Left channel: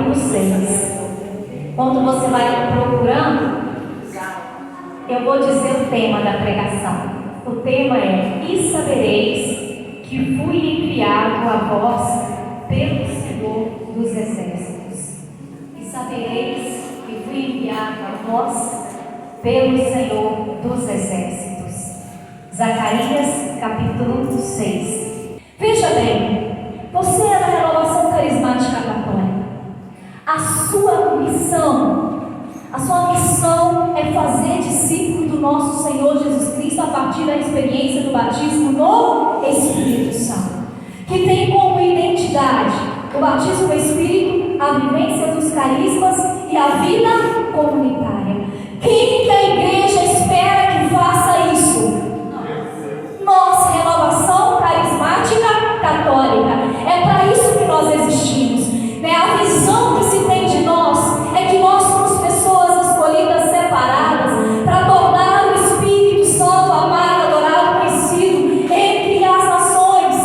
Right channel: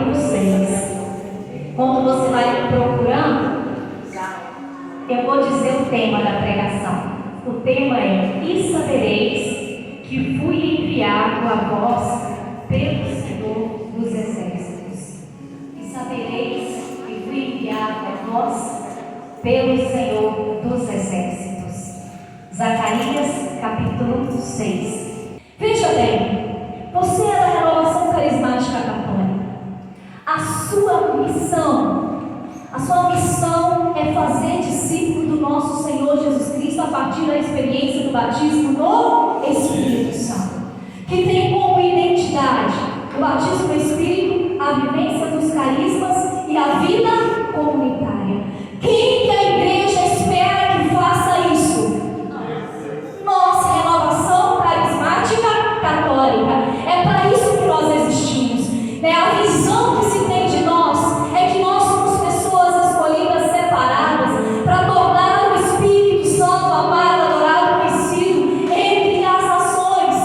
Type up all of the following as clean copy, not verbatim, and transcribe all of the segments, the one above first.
capítulo 6. Quando você vai procurando, eu vou dizer o tema da pregação. O tema é: e sabereis que fui enviado a vós pelo Senhor dos Exércitos. E sabereis que fui enviado a vós pelo Senhor dos Exércitos. Zacarias, capítulo 6. Veja bem, você é da Renovação Carismática Católica. A sua missão é fazer discípulo do nosso Senhor Jesus Cristo a partir da experiência do batismo no Espírito Santo, que tem como identidade o batismo no Espírito, a vivência dos carismas e a vida comunitária. Quem que a igreja espera que faça isso? Nós, Renovação Carismática Católica. É para isso que nós existimos. A visão que se tem de nós é que nós somos pessoas escolhidas, separadas, para tornar o Espírito Santo amado, adorado, conhecido entre as nações.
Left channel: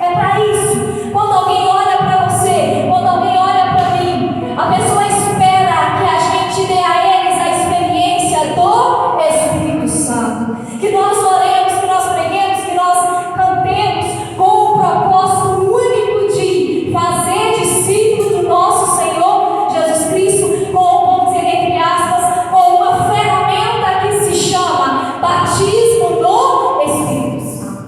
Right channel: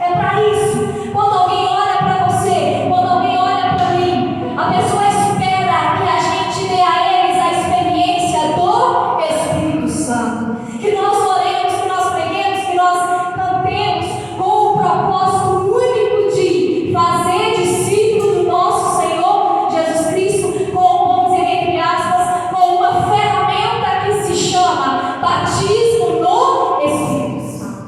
É para isso. Quando alguém olha para você, quando alguém olha para mim, a pessoa espera que a gente dê a eles a experiência do Espírito Santo. Que nós oremos, que nós preguemos, que nós cantemos com o propósito único de fazer discípulo do nosso Senhor Jesus Cristo, com, vamos dizer entre aspas, com uma ferramenta que se chama batismo no Espírito Santo.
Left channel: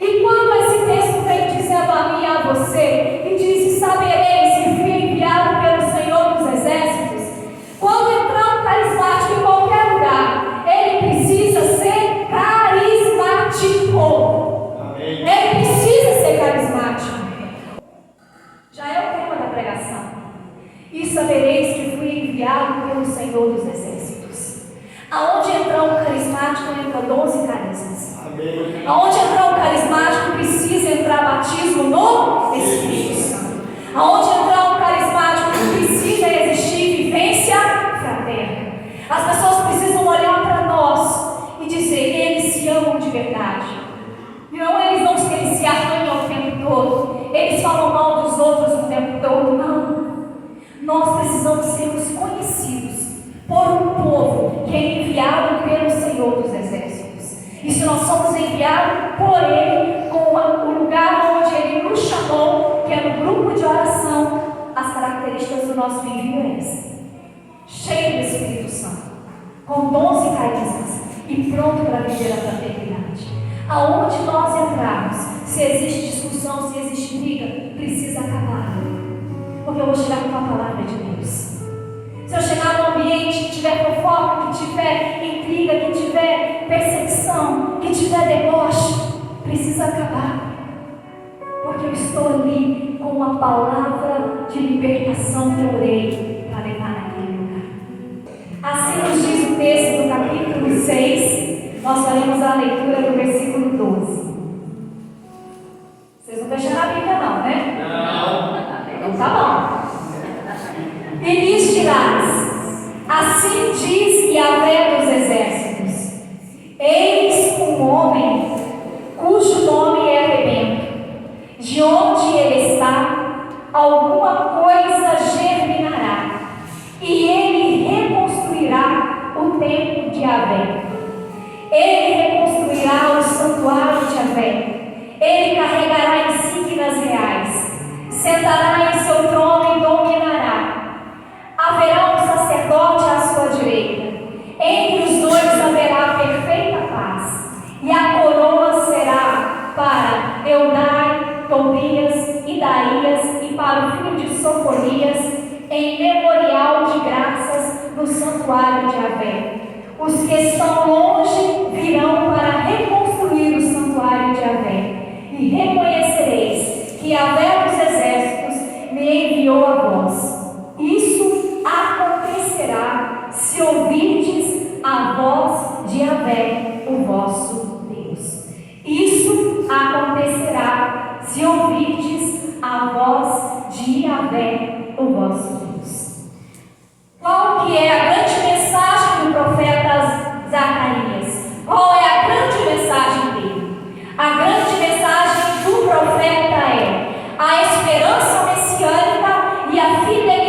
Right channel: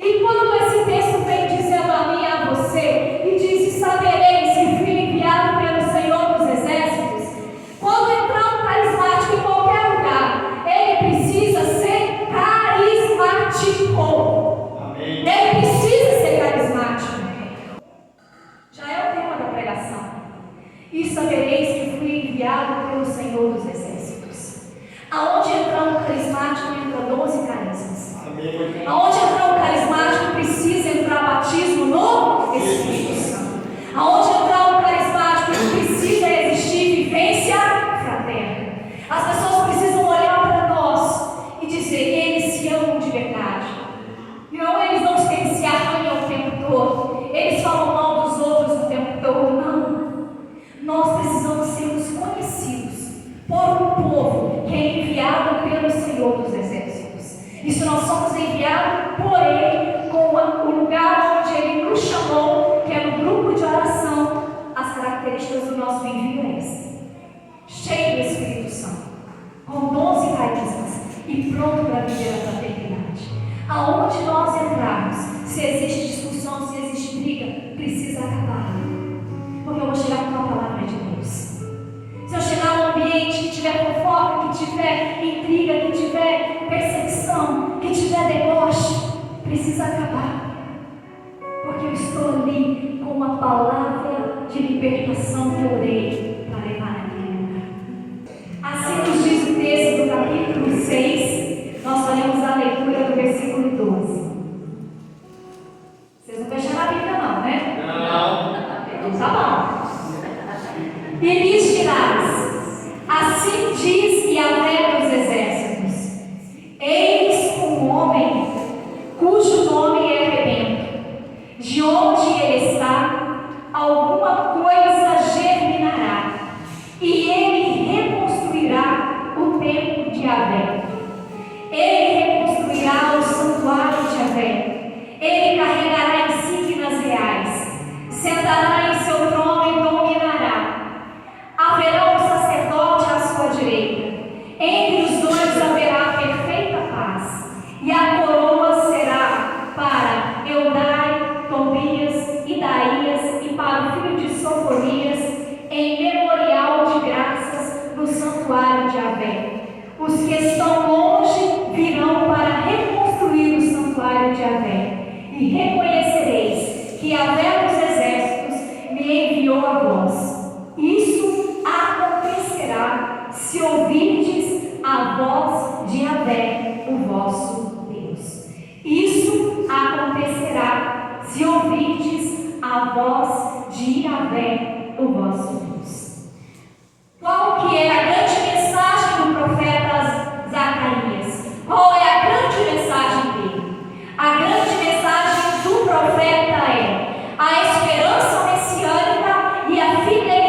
E quando esse texto vem dizendo a mim e a você, e diz: sabereis que fui enviado pelo Senhor dos Exércitos, quando entramos carismático em qualquer lugar, ele precisa ser carismático. Amém. Ele precisa ser carismático. Já é o tema da pregação. E sabereis que fui enviado pelo Senhor dos Exércitos. Aonde entrar um carismático, entra 12 carismas. Amém. Aonde entrar um carismático, precisa entrar batismo no Espírito Santo. Aonde entrar um carismático, precisa existir vivência fraterna. As pessoas precisam olhar para nós e dizer: eles se amam de verdade. Não, eles não se arranham o tempo todo. Eles falam mal dos outros o tempo todo. Não. Nós precisamos sermos conhecidos por um povo que é enviado pelo Senhor dos Exércitos. E se nós somos enviados por Ele, com o lugar onde Ele nos chamou, que é no grupo de oração, as características do nosso envio é essa: cheio do Espírito Santo, com 12 carismas e pronto para viver a fraternidade. Aonde nós entrarmos, se existe discussão, se existe briga, precisa acabar. Porque eu vou chegar com a palavra de Deus. Se eu chegar num ambiente que tiver fofoca, que tiver intriga, que tiver perseguição, que tiver deboche, precisa acabar. Porque eu estou ali com uma palavra de libertação que eu dei para levar naquele lugar. Assim nos diz o texto do capítulo 6. Nós faremos a leitura do versículo 12. Vocês não fecharam a Bíblia não, né? Não. Então tá bom. E lhes dirás: assim diz Yahvé dos Exércitos: eis um homem cujo nome é rebento. De onde ele está, alguma coisa germinará, e ele reconstruirá o templo de Yahvé. Ele reconstruirá o santuário de Yahvé. Ele carregará insígnias reais, sentará em seu trono e dominará. Haverá um sacerdote à sua direita. Entre os dois haverá perfeita paz, e a coroa será para Eudai, Tobias, Idaías e para o filho de Sofonias, em memorial de graças do santuário de Yahvé. Os que estão longe virão para reconstruir o santuário de Yahvé. E reconhecereis que Yahvé dos Exércitos me enviou a vós. Isso acontecerá se ouvirdes a voz de Yahvé, o vosso Deus. Isso acontecerá se ouvirdes a voz de Yahvé, o vosso Deus. Qual que é a grande mensagem do profeta Zacarias? Qual é a grande mensagem dele? A grande mensagem do profeta é a esperança messiânica e a fidelidade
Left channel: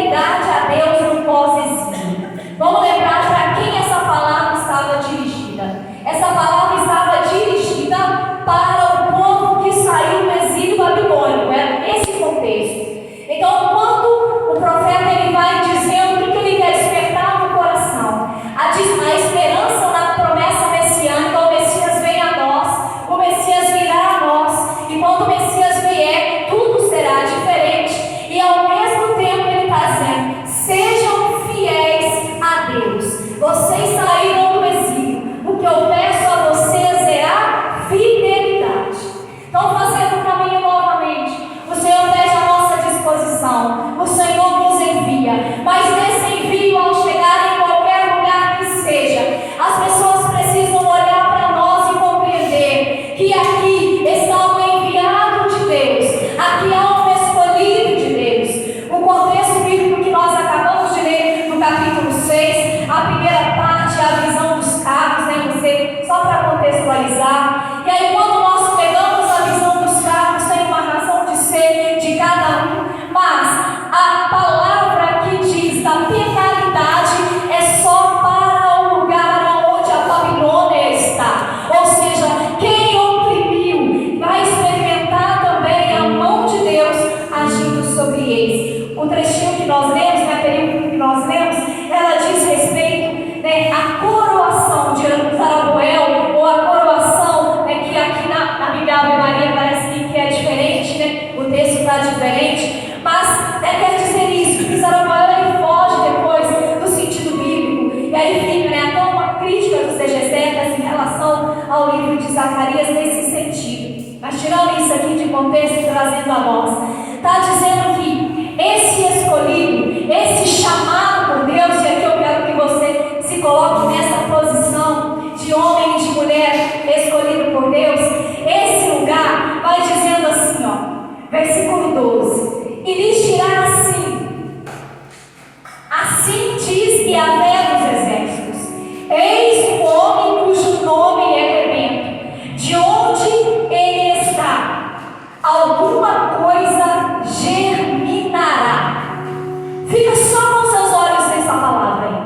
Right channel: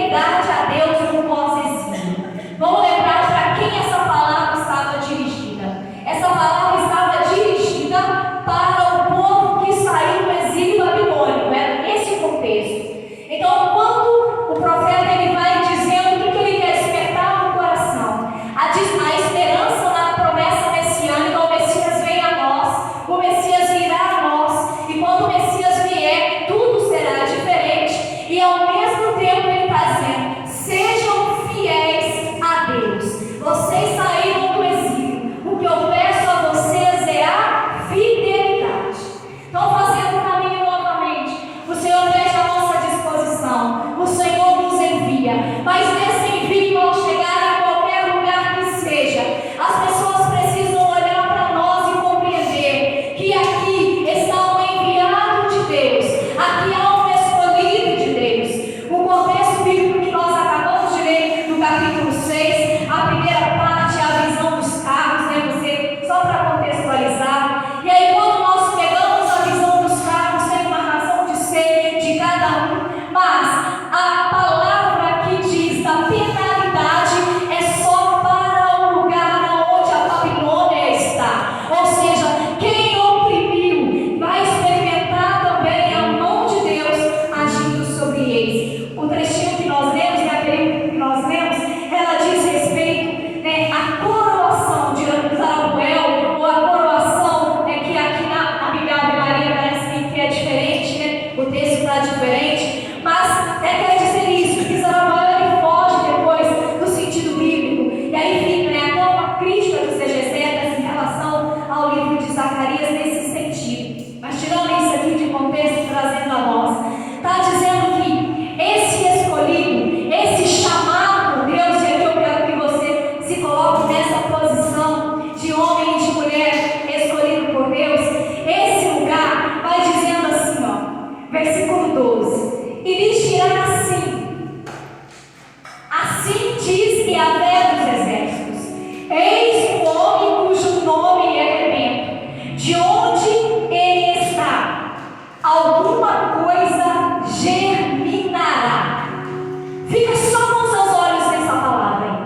Zacarias nesse sentido. Mas tirando isso aqui de contexto e trazendo a nós, está dizendo que esse escolhido, esse chamado por Deus, e aqui eu quero que você se coloque nessa posição de homem e de mulher escolhido por Deus. Esse lugar vai dizendo assim, ó, versículo 12: e lhes dirá assim diz Yahvé dos exércitos: eis um homem cujo nome é rebento, de onde ele está, alguma coisa germinará. Fica só com seus olhos nessa palavra aí.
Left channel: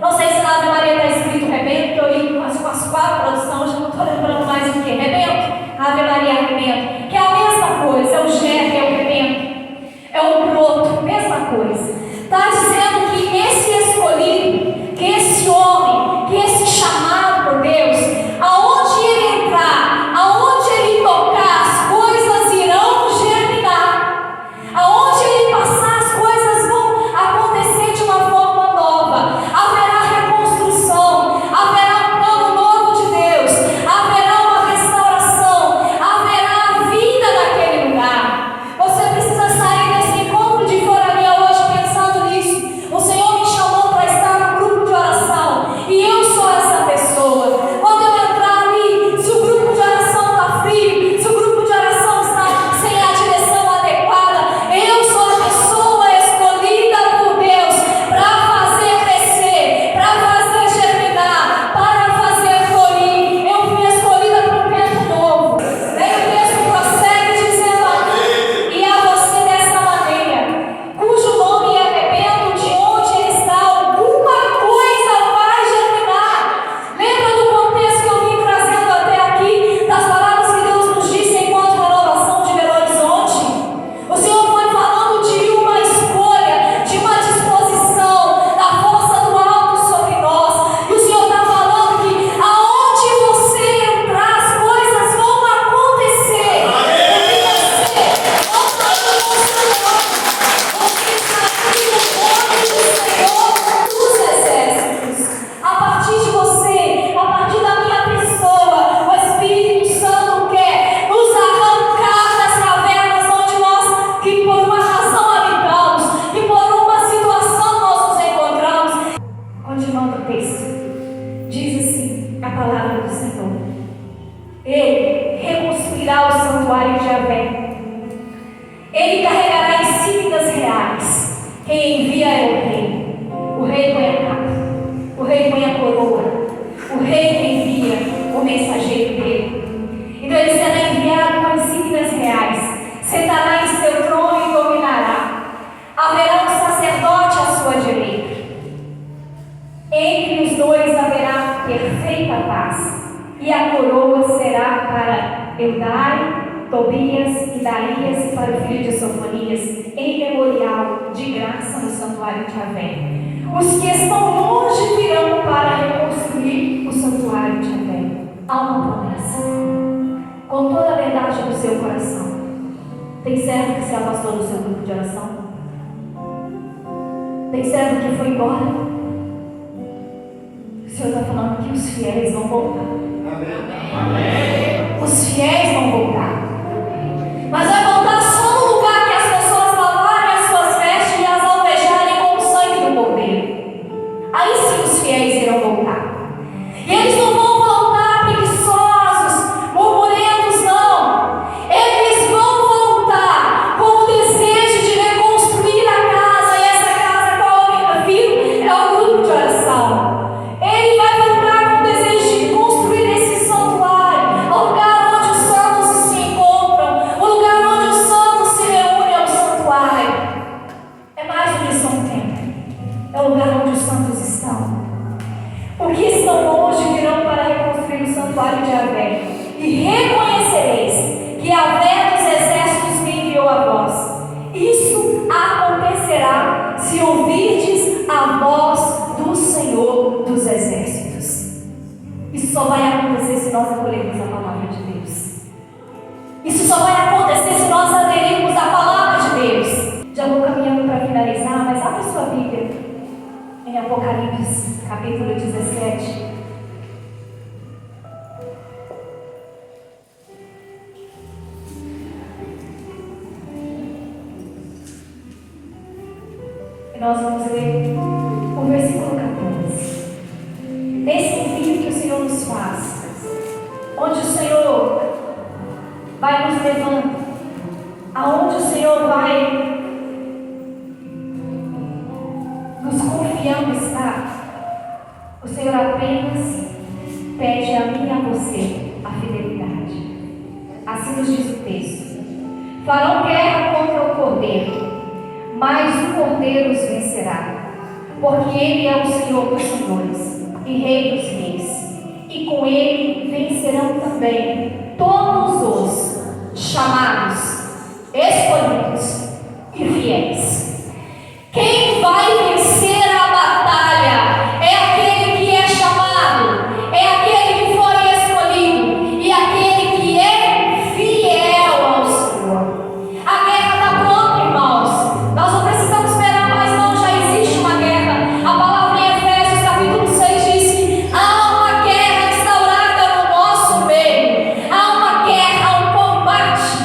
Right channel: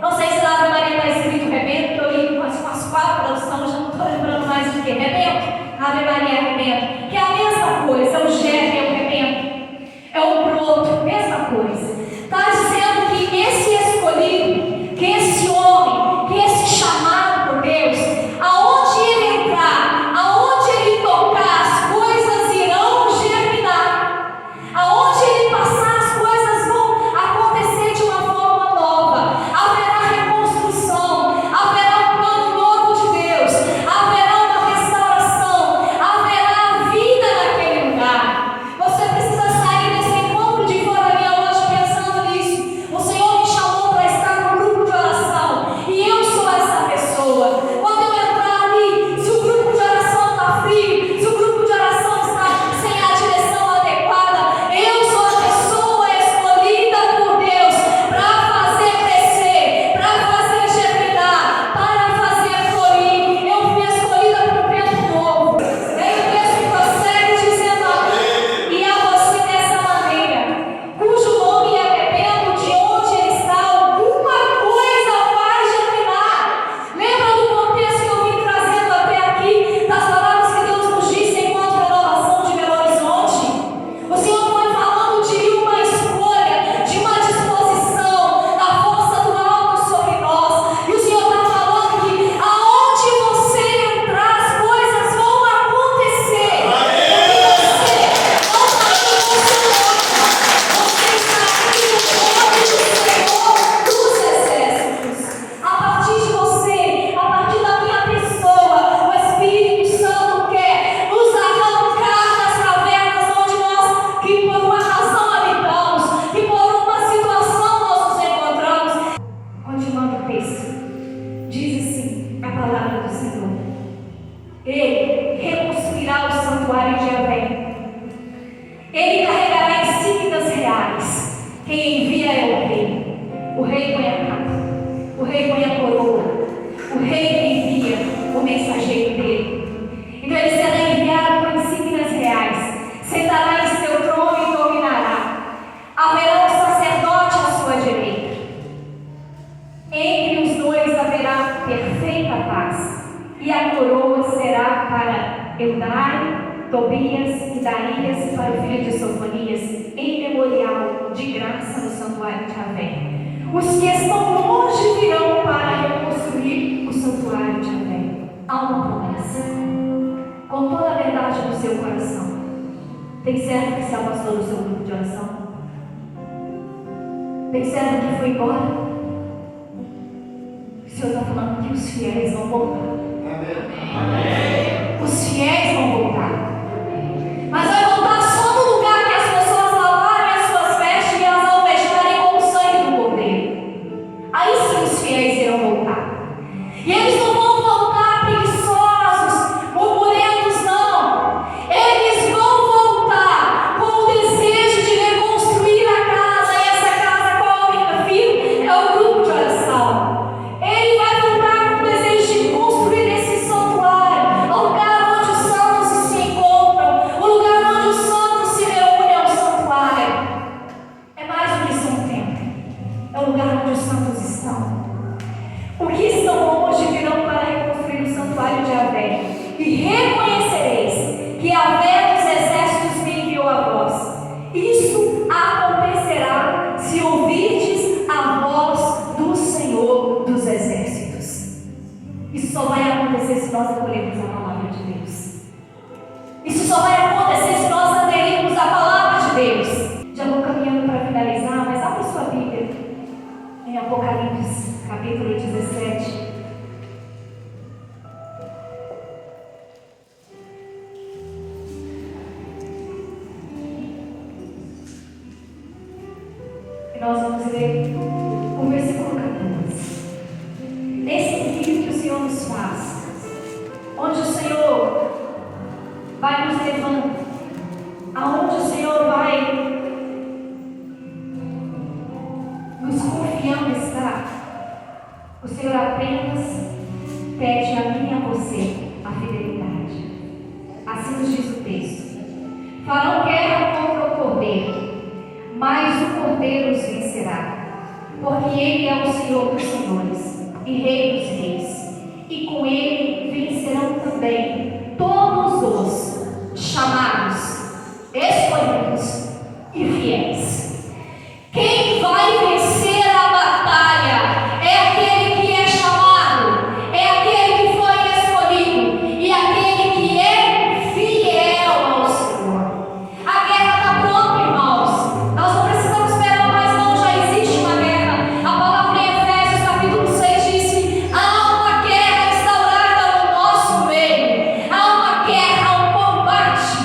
Não sei se na Ave Maria está escrito rebento, que eu li com as quatro traduções, já não estou lembrando mais do que rebento. Ave Maria é rebento, que é a mesma coisa, é o germe, é o rebento, é o broto, mesma coisa. Está dizendo que esse escolhido, que esse homem, que esse chamado por Deus, aonde ele entrar, aonde ele tocar, as coisas irão germinar. Aonde ele passar, as coisas vão acontecer de uma forma nova. Haverá reconstrução, haverá um plano novo de Deus, haverá uma restauração, haverá vida naquele lugar. Você precisa sair desse encontro de Forania hoje pensando nisso. O Senhor me chamou para estar no grupo de oração e eu sou essa pessoa. Quando eu entrar ali, se o grupo de oração está frio, se o grupo de oração está sem a direção adequada, eu sou a pessoa escolhida por Deus para fazer crescer, para fazer germinar, para fazer florir. Eu fui escolhida para um tempo novo. Daí o texto prossegue dizendo e a você dessa maneira, cujo nome é rebento, de onde ele está, alguma coisa vai germinar. Lembra do contexto que eu vim trazendo até aqui, das palavras que Deus nos disse enquanto renovação de Belo Horizonte? O Senhor foi falando de uma escolha, de uma disposição, da força do alto sobre nós. E o Senhor está falando que aonde você entrar, as coisas vão acontecer. E você não está no seu lugar. Você está aqui no nome do Senhor dos exércitos. A partir de você, a partir da minha pessoa, o Espírito Santo quer nos arrancar das cavernas onde nós, que por uma razão habitamos, que por uma situação nós nos encontramos. Continuando o texto, diz assim a palavra do Senhor: ele reconstruirá o santuário de Yahvé. Ele carregará insígnias reais. Quem envia é o rei. O rei põe a capa, o rei põe a coroa, o rei que envia o mensageiro dele. Então ele será enviado com insígnias reais, sentará em seu trono e dominará. Haverá um sacerdote à sua direita. Entre os dois haverá perfeita paz, e a coroa será para Eudai, Tobias, Idaias e para o filho de Sofonias, em memorial de graça no santuário de Yahvé. Os que estão longe virão para reconstruir o santuário de Yahvé. Há uma promessa, com toda a verdade do seu coração. Tem servo que se afastou do seu grupo de oração? Tem servo que foi embora? O Senhor está falando que os fiéis vão voltar. Amém. Os fiéis vão voltar. Mas vai voltar só no lugar que as pessoas lavarem as suas vestes e as alvejarem com o sangue do cordeiro. Aí sim os fiéis irão voltar. E eles não vão voltar preguiçosos, murmurentos, não. Eles vão voltar com o desejo de reconstruir a casa. E essa casa, qual é o filho? É o grupo de oração. Ele vai voltar com o desejo de construir esse santuário, nós vamos ler o versículo 14. Nesse envio que o Senhor nos faz, onde o Senhor vai nos levando, aonde o Senhor vai nos confiando estar, o Senhor apenas pede a mim e a você a fidelidade. Assim nos diz o texto: farão guerra contra o cordeiro, mas o cordeiro os vencerá, porque ele é o Senhor dos senhores e Rei dos reis, e com ele vencerão também todos os chamados, escolhidos e fiéis. Quem vai vencer a batalha é aquele que é chamado, é aquele que foi escolhido e aquele que é fiel ao Senhor. A guerra está pronta, irmãos. Nós não precisamos esperar mais, não. Já existe uma guerra. A palavra em Efésios capítulo 6 diz: há uma guerra instaurada no nosso meio. Há uma guerra, um combate.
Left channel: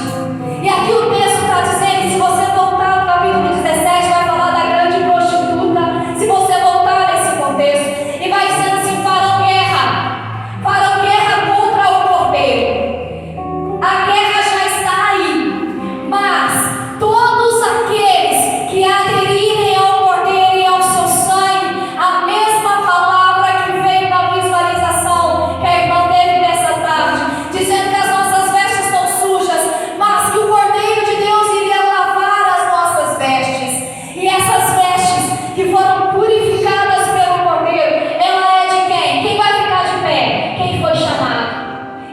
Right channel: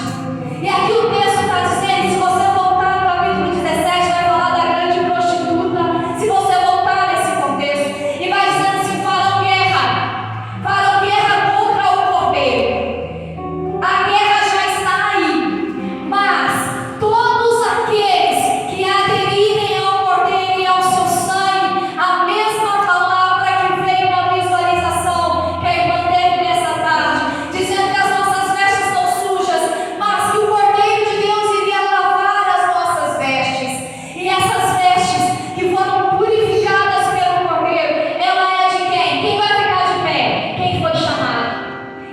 E aqui o texto está dizendo, se você voltar no capítulo 17, vai falar da grande prostituta. Se você voltar nesse contexto, e vai dizendo assim: farão guerra contra o cordeiro. A guerra já está aí, mas todos aqueles que aderirem ao cordeiro e ao seu sangue, a mesma palavra que veio na visualização que a irmã teve nessa tarde, dizendo que as nossas vestes estão sujas, mas que o cordeiro de Deus iria lavar as nossas vestes. E essas vestes que foram purificadas pelo cordeiro, ela é de quem? Quem vai ficar de pé? Quem foi chamado.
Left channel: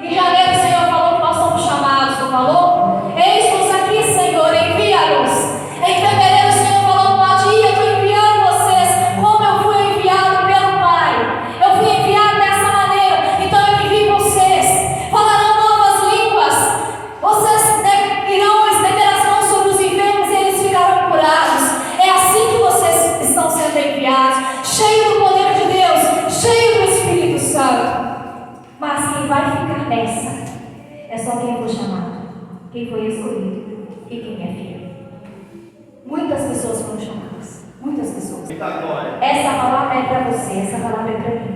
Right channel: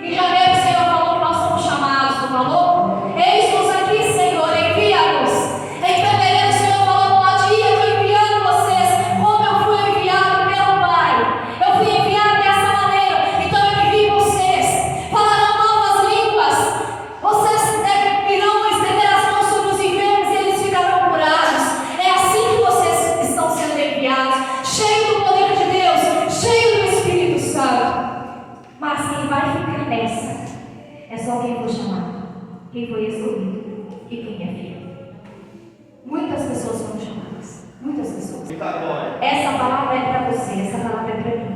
Em janeiro o Senhor falou que nós somos chamados, não falou? Eis-nos aqui, Senhor, envia-nos. Em fevereiro o Senhor falou: pode ir, eu estou enviando vocês, como eu fui enviado pelo Pai. Eu fui enviado dessa maneira, então eu envio vocês. Falarão novas línguas, vocês irão estender as mãos sobre os enfermos e eles ficarão curados. É assim que vocês estão sendo enviados, cheio do poder de Deus, cheio do Espírito Santo. Mas quem vai ficar nessa é só quem foi chamado, quem foi escolhido e quem é fiel. Muitas pessoas foram chamadas, muitas pessoas. Essa palavra é para você, essa palavra é para mim.